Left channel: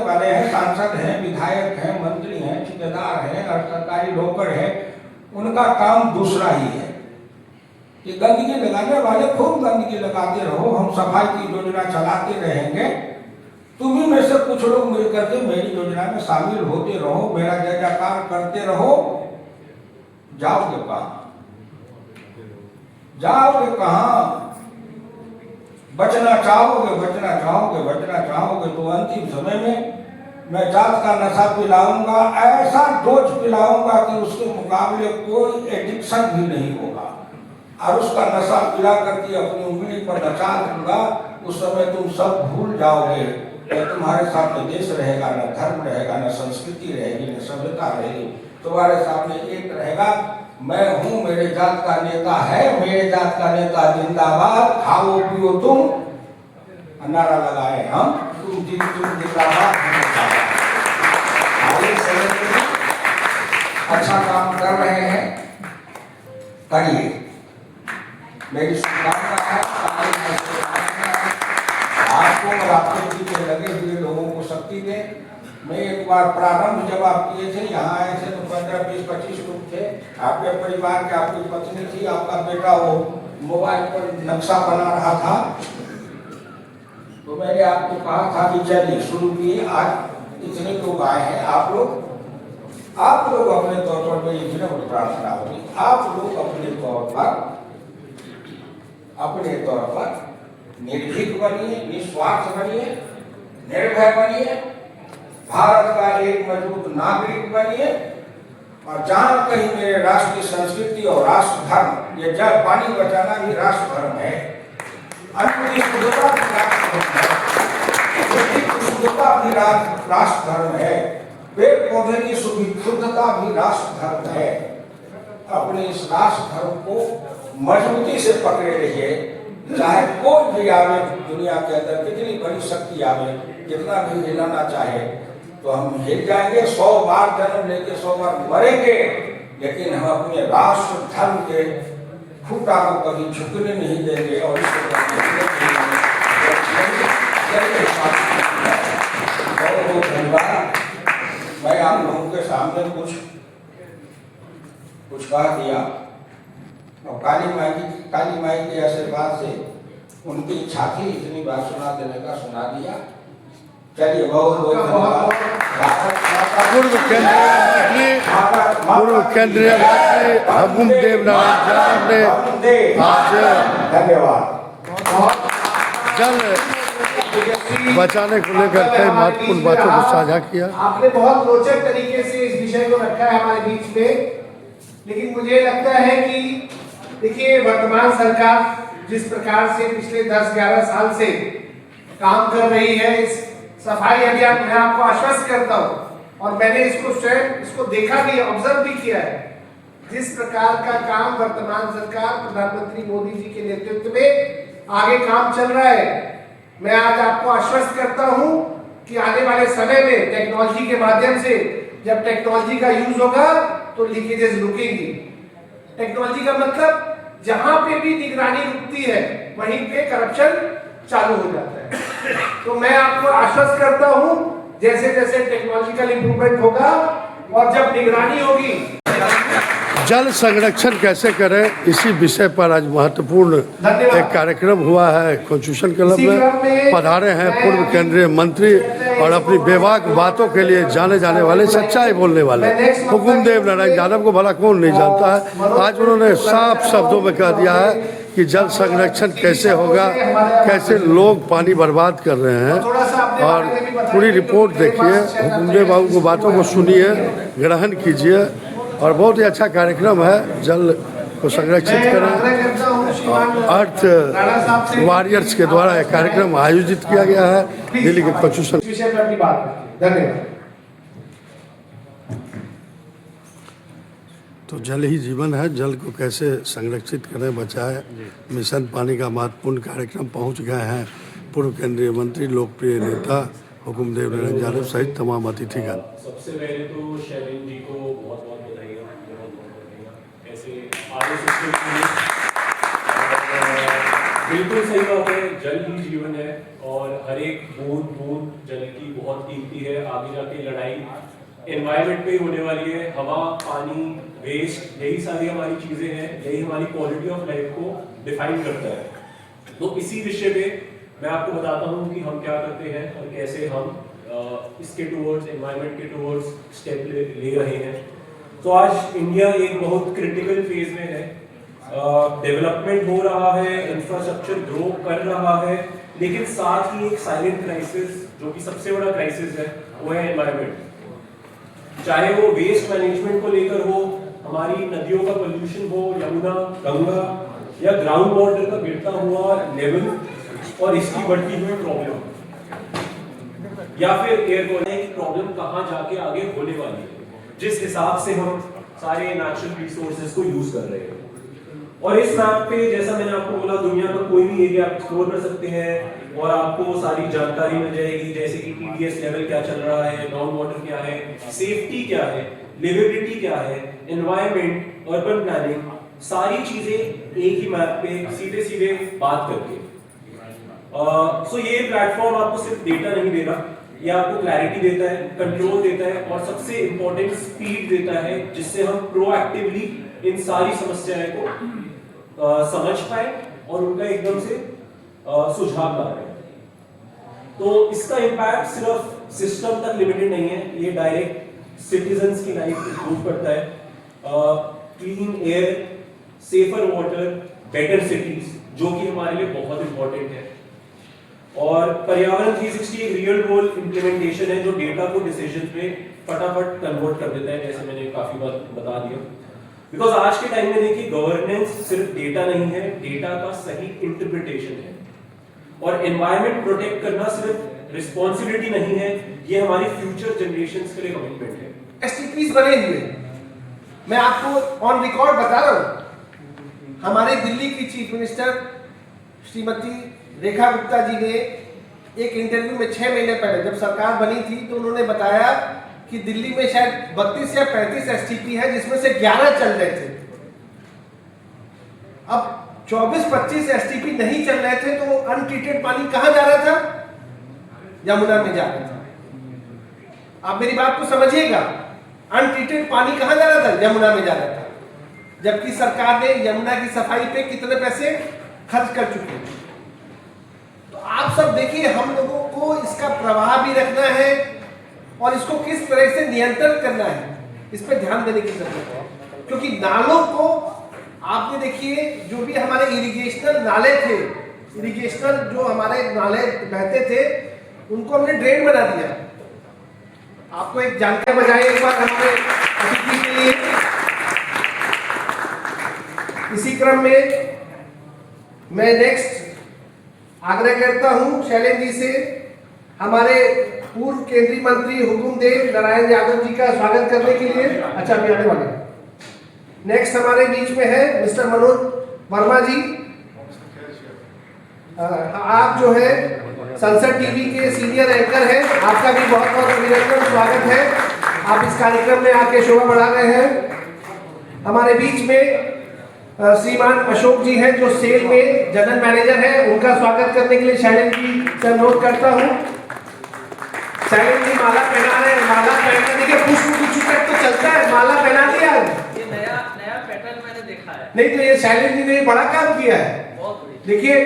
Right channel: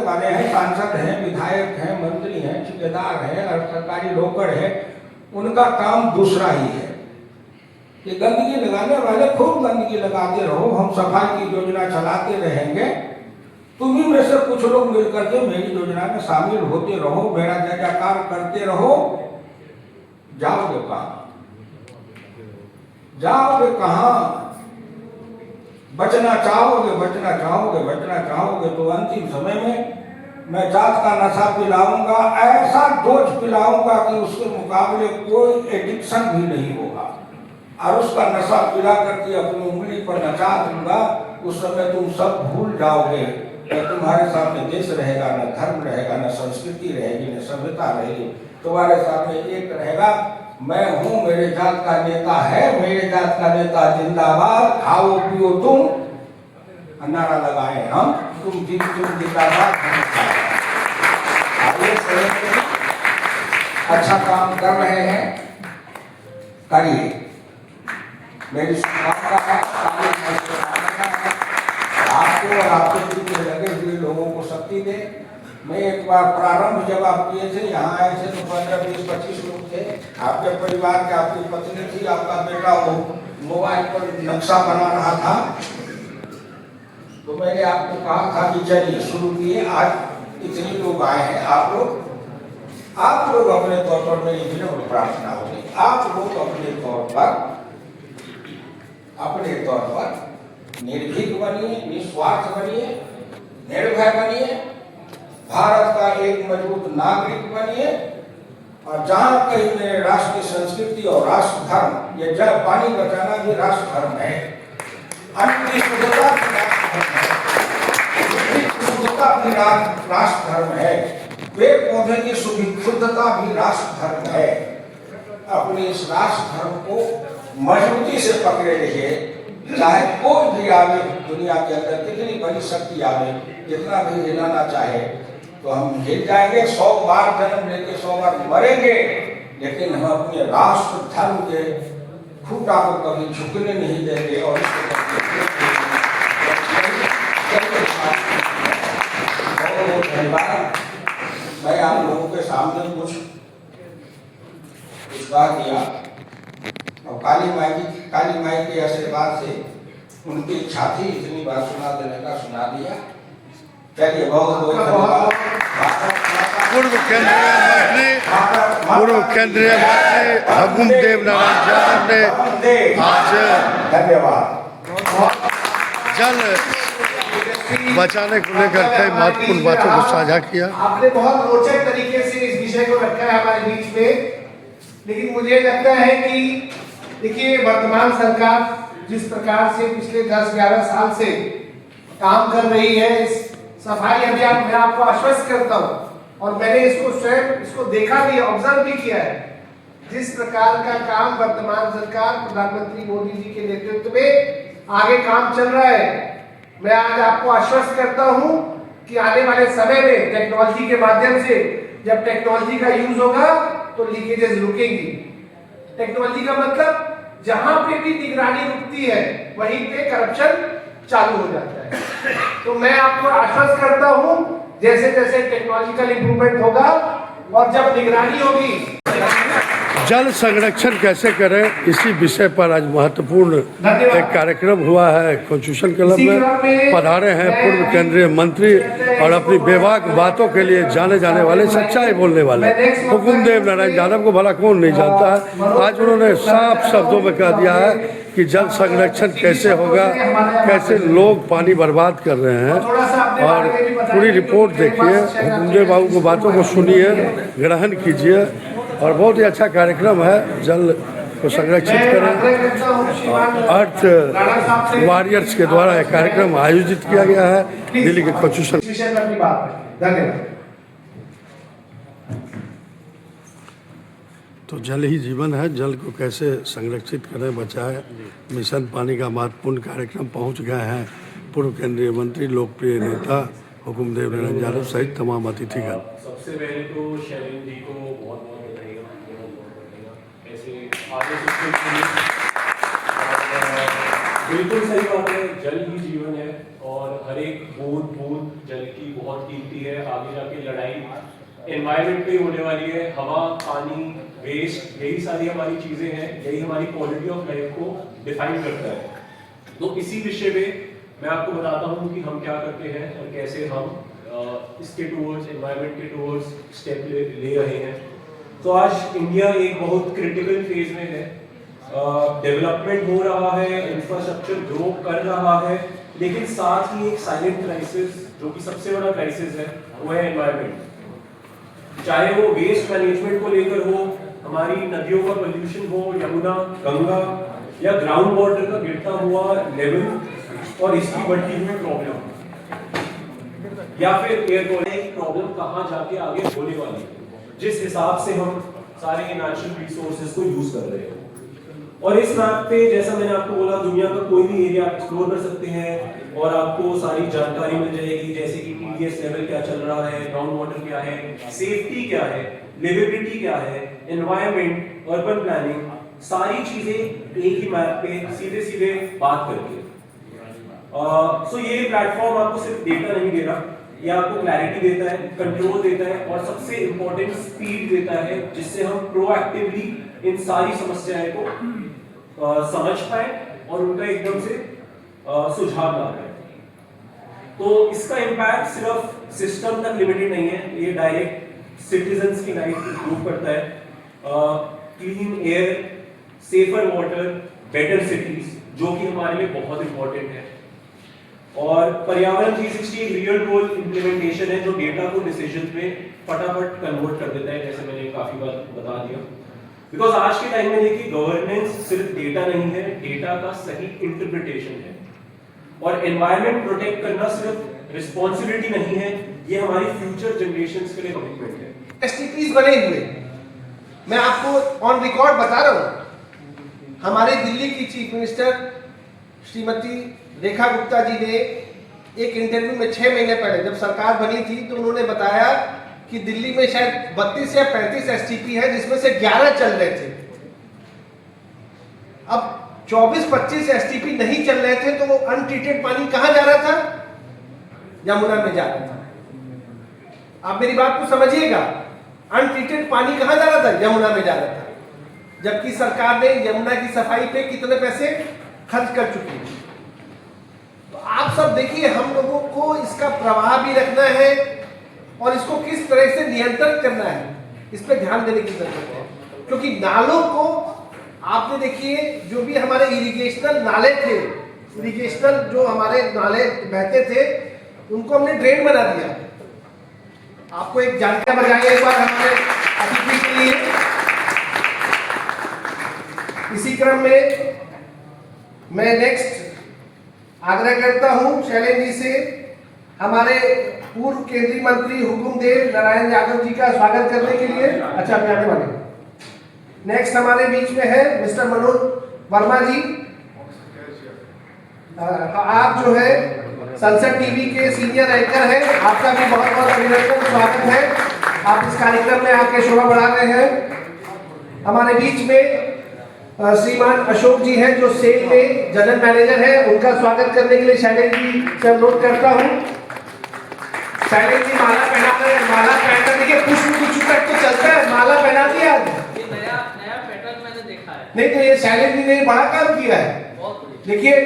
वाले हैं, सांसद हैं, विधायक हैं, मंत्री हैं, ठेकेदार हैं और सरकारी नौकर हैं, उनका काम दूसरा ही है। ये गंदगी लगाने वाले खूब गंदगी लगाते रहो, हम सफाई की योजना चलाते रहेंगे। तुम्ही में से कुछ लोग मिलकर के मेरी योजना में शामिल होते रहो, मेरा जयकार करते रहो। जाओगे कहाँ? जाओगे कहाँ? बचना चाहोगे, बचना चाहोगे, बचना चाहोगे तो अंतिम समय में मैं जात का नशा पिलाऊंगा, ऐसा डोज पिलाऊंगा कि उसके मुकाबले कोई एडिक्शन भी नहीं होगा। और उसका नशा पिला करके अपनी उंगली पर नचा दूंगा, उस समय तुम सब भूल जाओगे कि तुम्हारे सामने देश रहेगा, न धर्म रहेगा, न संस्कृति रहेगी, न सभ्यता रहेगी। तुम्हारे सामने एक रहेगा, मैं हूँ, मेरे जात का नेता है, मेरे जात का नेता जिंदाबाद, खाओ पियो तुम, नारा लगाए हम, तुम जिंदाबाद। अच्छा काम कर रहे हैं, करिए, मेरी शुभकामना है। आपको और आपके पीछे लगे हुए लोगों को शक्ति दे। मैं एक बार प्रारंभ जब आप किए थे, यहाँ आए थे तो 15, 20, 25 लोग थे। आपके परिवार के, आपकी पत्नी थी, आपका बेटा वो मोबाइल पर नक्शा बना रहा था। तो मैंने आपको कहा था कि चलिए शुरू किए। आज इतने लोग आए हैं, आप लोग अपने तौर पर, मेरी विनम्र प्रार्थना होगी, आप लोग अपने तौर पर निर्भीक बनिए, निस्वार्थ बनिए, निर्भय बनिए, भारत का एक मजबूत नागरिक बनिए। और जहां कहीं मेरे राष्ट्र की संस्कृति और राष्ट्र धर्म, ये जल पानी बचाना भी राष्ट्र धर्म है, अन्न की शुद्धता भी राष्ट्र धर्म है, बुद्धि की शुद्धता भी राष्ट्र धर्म है, पेड़ पौधे की शुद्धता भी राष्ट्र धर्म है। अपने इस राष्ट्र धर्म को मजबूती से पकड़े रहिए। चाहे कोई भी आवे दुनिया के अंदर, कितनी बड़ी शक्ति आवे, कितना भी हिलाना चाहे तो हम हिल जाएंगे। 100 बार जन्म लेके 100 बार मरेंगे, लेकिन हम अपने राष्ट्र धर्म के खूंटा को कभी झुकने नहीं देंगे। और बहुत धन्यवाद। मैं आप लोगों के सामने कुछ कह दिया और काली माई के आशीर्वाद से उनकी इच्छा थी, इतनी बात सुना देने का सुना दिया। चलिए, बहुत बहुत धन्यवाद। पूर्व केंद्रीय मंत्री हुकुमदेव नारायण यादव ने आज जल बचाने को लेकर कई महत्वपूर्ण बातों को साझा किया। आपने बहुत रोचक तरीके से इस विषय को रखा है हमारे बीच में। लेकिन मुझे लगता है कि देखिए, वर्तमान सरकार जिस प्रकार से पिछले 10-11 साल से काम कर रही है इस सफाई अभियान, मैं आपको आश्वस्त करता हूँ और मैंने इसको स्वयं इसको देखा भी, ऑब्जर्व भी किया है। जिस प्रकार का काम वर्तमान सरकार प्रधानमंत्री मोदी जी के नेतृत्व में आगे काम चल रहा है, मैं आज आपको आश्वस्त करता हूं कि आने वाले समय में टेक्नोलॉजी के माध्यम से, जब टेक्नोलॉजी का यूज होगा तो लीकेजेस रुकेंगी। टेक्नोलॉजी का मतलब जहां पे भी निगरानी रुकती है वहीं पे करप्शन चालू हो जाता है। तो मैं आपको आश्वस्त करता हूं, जैसे जैसे टेक्नोलॉजिकल इंप्रूवमेंट होगा और जब निगरानी होगी। जल संरक्षण कैसे करें, इसी विषय पर आज महत्वपूर्ण एक कार्यक्रम हुआ है। कॉन्स्टिट्यूशन क्लब में पधारे हैं पूर्व केंद्रीय मंत्री और अपनी बेबाक बातों के लिए जाने जाने वाले, सच्चाई बोलने वाले हुकुमदेव नारायण यादव को भला कौन नहीं जानता है। आज उन्होंने साफ शब्दों में कह दिया है कि जल संरक्षण कैसे होगा, कैसे लोग पानी बर्बाद कर रहे हैं। और पूरी रिपोर्ट देखिए, हुकुमदेव बाबू को बातों को सुनिए, ग्रहण कीजिए। और बहुत ही अच्छा कार्यक्रम है, जल को संरक्षित करें। अर्थ वॉरियर्स के द्वारा एक कार्यक्रम आयोजित किया गया है दिल्ली के कॉन्स्टिट्यूशन। धन्यवाद। तो जल ही जीवन है, जल को कैसे संरक्षित करें, बचाएं, मिशन पानी का महत्वपूर्ण कार्यक्रम पहुंच गए हैं पूर्व केंद्रीय मंत्री, लोकप्रिय नेता हुकुमदेव नारायण यादव सहित तमाम अतिथिगण। सबसे पहले तो शैलेंद्र जी को बहुत बहुत बधाई, बहुत बहुत बधाई। ऐसे आगे बिल्कुल सही बात है, जल ही जीवन है और हर एक बूंद बूंद जल की बहुत कीमती है। आगे जाके लड़ाई एनवायरनमेंट पे होने वाली है। हवा, पानी, वेस्ट, यही सारी हमारी चीजें हैं, यही हमारी क्वालिटी ऑफ लाइफ को डिफाइन करता है। तो इसी विषय पे मैं आपको बताता हूँ कि हम क्या करते हैं और कैसे हम इसके टूवर्ड्स, एनवायरनमेंट के टूवर्ड्स स्टेप ले रहे हैं। तो आज इंडिया एक बहुत क्रिटिकल फेज में है। डेवलपमेंट हो रहा है, इंफ्रास्ट्रक्चर ग्रो कर रहा है, लेकिन साथ ही एक साइलेंट क्राइसिस, जो कि सबसे बड़ा क्राइसिस है, वो है एनवायरनमेंट। चाहे वो वेस्ट मैनेजमेंट को लेकर हो, हमारी नदियों का पोल्यूशन हो, यमुना, गंगा, या ग्राउंड वाटर का गिरता हुआ लेवल और इसकी बढ़ती हुई प्रॉब्लम, या फिर एयर क्वालिटी की प्रॉब्लम कहाँ जाके आगे होने वाली है, जिस हिसाब से हम सारे नेचुरल रिसोर्सेज को यूज कर रहे हैं। और इस मैप पे, जैसा मैंने आपको बोला, दुनिया का कोई भी एरिया आप एक्सप्लोर कर सकते हैं और आपको सारी जानकारी मिल जाएगी, जैसे कि TDS लेवल क्या चल रहा है, ग्राउंड वाटर क्या है, सेफ्टी क्या है, लिविबिलिटी क्या है, एनवायरनमेंट, अर्बन प्लानिंग, सारी चीजें एक ही मैप पे सीधे सीधे बात करके। सो ये प्लेटफॉर्म आपको सिर्फ डेटा नहीं दे रहा, ये आपको क्लैरिटी देता है, कंट्रोल देता है और सबसे इंपॉर्टेंट स्पीड देता है, जिससे हम प्रोएक्टिवली इन सारी समस्याएं को समझ पाए और उनका एकदम से सुझाव ला पाए। तो इसका इम्पैक्ट सिर्फ सिस्टम तक लिमिटेड नहीं है, ये डायरेक्ट सिटीजन्स की लाइफ इंप्रूव करता है। Clean air, safer water, better cities, जो कि हमारे लिए बहुत इंपॉर्टेंट है। और पर्यावरण 360 एक रियल वर्ल्ड इंप्लीमेंटेशन है, जो डेटा को डिसीजन में फटाफट कन्वर्ट कर देता है, जैसे मैंने काफी बार बता दिया। बिकॉज आज के टाइम में देखिए, गवर्नेंस सिर्फ डेटा नहीं है, डेटा का सही इंटरप्रिटेशन है। और एनवायरनमेंट प्रोटेक्ट करना सिर्फ रिस्पॉन्सिबिलिटी नहीं है, ये हमारी फ्यूचर जनरेशंस के लिए कमिटमेंट है। STPs बने हुए, मैं आपको ऑन रिकॉर्ड बता रहा हूं, हमारे दिल्ली की चीफ मिनिस्टर श्रीमती रेखा गुप्ता जी ने एक इंटरव्यू में 6 महीने पहले जब सरकार बनी थी, तो उन्होंने बताया कि दिल्ली में शायद 32 या 35 STP है, जिसमें से 11 चल रहे थे। अब 24-25 STP नहीं चल रहे थे, तो वो अनट्रीटेड पानी कहां जा रहा था? यमुना में जा रहा था। आप मेरी बात को समझिएगा, अनट्रीटेड पानी कहां जा रहा था? यमुना में जा रहा था। जबकि सरकार ने यमुना की सफाई पे कितने पैसे खर्च कर चुकी है। तो आप सब देखिए, हम लोगों को इसका प्रवाह भी रखना है और इसको किस तरह से नियंत्रण करना है, इस पे ध्यान देने की जरूरत है। क्योंकि नालों को आपने देखिए, जो भी हमारे इरिगेशनल नाले थे, इरिगेशनल जो हमारे नाले बहते थे, उनको हमने ड्रेन बना दिया। आपको एक जानकारी बताइए एक बार हमारे अतिथि के लिए। इसी क्रम में मैं नेक्स्ट आग्रह करता हूं शैलेंद्र जी से, हमारे पूर्व केंद्रीय मंत्री हुकुमदेव नारायण यादव जी का स्वागत करने के लिए। अच्छा, अभी आने वाले। नेक्स्ट हमारे बीच में है मिस्टर मनोज वर्मा जी। आप जो है संसद टीवी के सीनियर एंकर हैं, आपका भी बहुत बहुत अभिनंदन, स्वागत है। आप इस कार्यक्रम में आके शोभा बढ़ा रहे हैं। हमारे बीच में श्रीमान अशोक जी हैं, जो सेल में जनरल मैनेजर हैं, उनका स्वागत करने के लिए शैलेंद्र जी से अनुरोध करता हूं। शैलेंद्र जी माला पहना रहे हैं, माला पहनकर देखिए, पुष्प गुच्छ तक तो चलता है, माला पहना दिया। ये नया पैटर्न मैंने देखा है। नहीं तो ये शैलेंद्र जी ने बड़ा काम किया है। बहुत देखिए,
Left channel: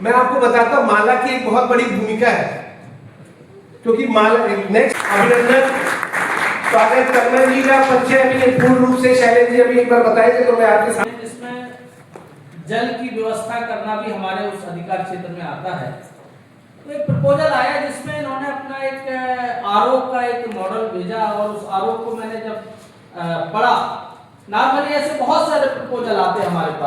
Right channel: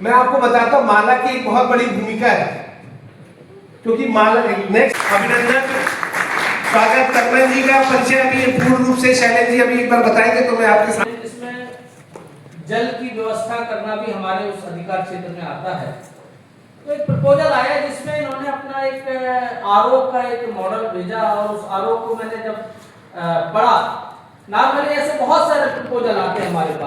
मैं आपको बताता हूं, माला की एक बहुत बड़ी भूमिका है, क्योंकि माला नेक्स्ट अभिनंदन, स्वागत करना जी का परिचय अभी पूर्ण रूप से शैलेंद्र जी अभी एक बार बताएंगे, तो मैं आपके साथ। इसमें जल की व्यवस्था करना भी हमारे उस अधिकार क्षेत्र में आता है। तो एक प्रपोजल आया जिसमें इन्होंने अपना एक RO का एक मॉडल भेजा, और उस RO को मैंने जब पढ़ा, नॉर्मली ऐसे बहुत सारे प्रपोजल आते हैं हमारे पास।